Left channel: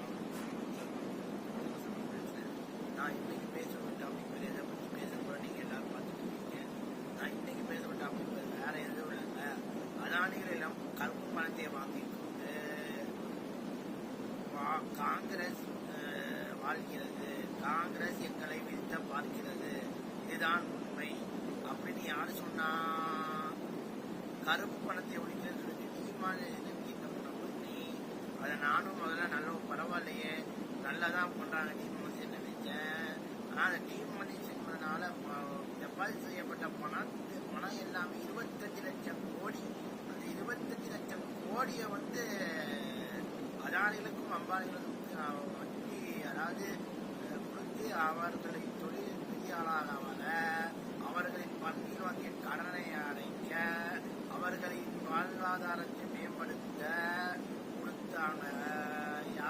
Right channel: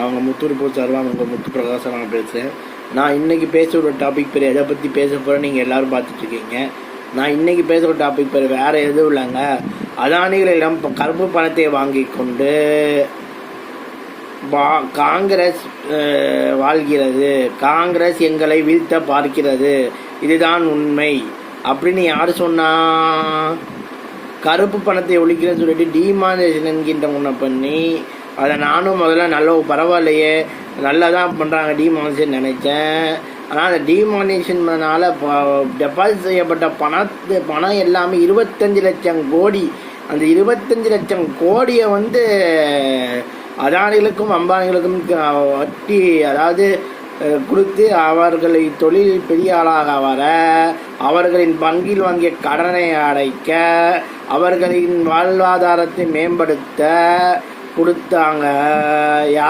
அவங்க முத்து ரிப்போர்ட் சார்பாக உங்கள் முத்து பிரகாசம் நான் பேசுகிறேன். நான் இன்றைக்கி பேசுகிற டாபிக் பேர் எதை பற்றி பேச போகிறேன் நீங்கள் எல்லோரும் பார்த்துட்ருக்கீங்க. நான் இன்றைக்கி பேசுகிற டாபிக் பேர் வேறு எதுவும் இல்லைங்க. அதானிகளிடம் கருப்பு பணத்தை வாங்கி கொண்டு காங்கிரஸ் வாழ்கிறது, காங்கிரஸ் எங்களை வீழ்த்த பார்க்கிறது, இதுதான் உண்மை அப்படின்னு யார் சொன்னா? கருப்பு பணத்தை ஒழிக்கிறேன்னு சொல்லிட்டு டிமானிட்டேஷன் என்கின்ற ஒன்றை பண்ணி அதை நானும் முதல்ல நல்ல பரவாயில்லையே நல்லா தான் பண்ணுறாங்க டிமானிட்டேஷன் நினச்சேன். ஆனால் அந்த டிமானிட்டேஷன்னால டெபாசிட் செய்யப்பட்ட பணம் எல்லாமே 25 லட்சம் கோடி. அந்த 25 லட்சம் கோடியை அதானிகளுக்கும் அம்பானிகளுக்கும் வட்டி அதாவது கொடுத்து அவர்களை தொழில் பெரிய ஆளாக வர, அவர்களின் பங்கில் வாங்கிய கடனை அடைக்க, அவர்களின் வாழ்வாதாரத்தை மேம்படுத்த கொடுத்தாங்க.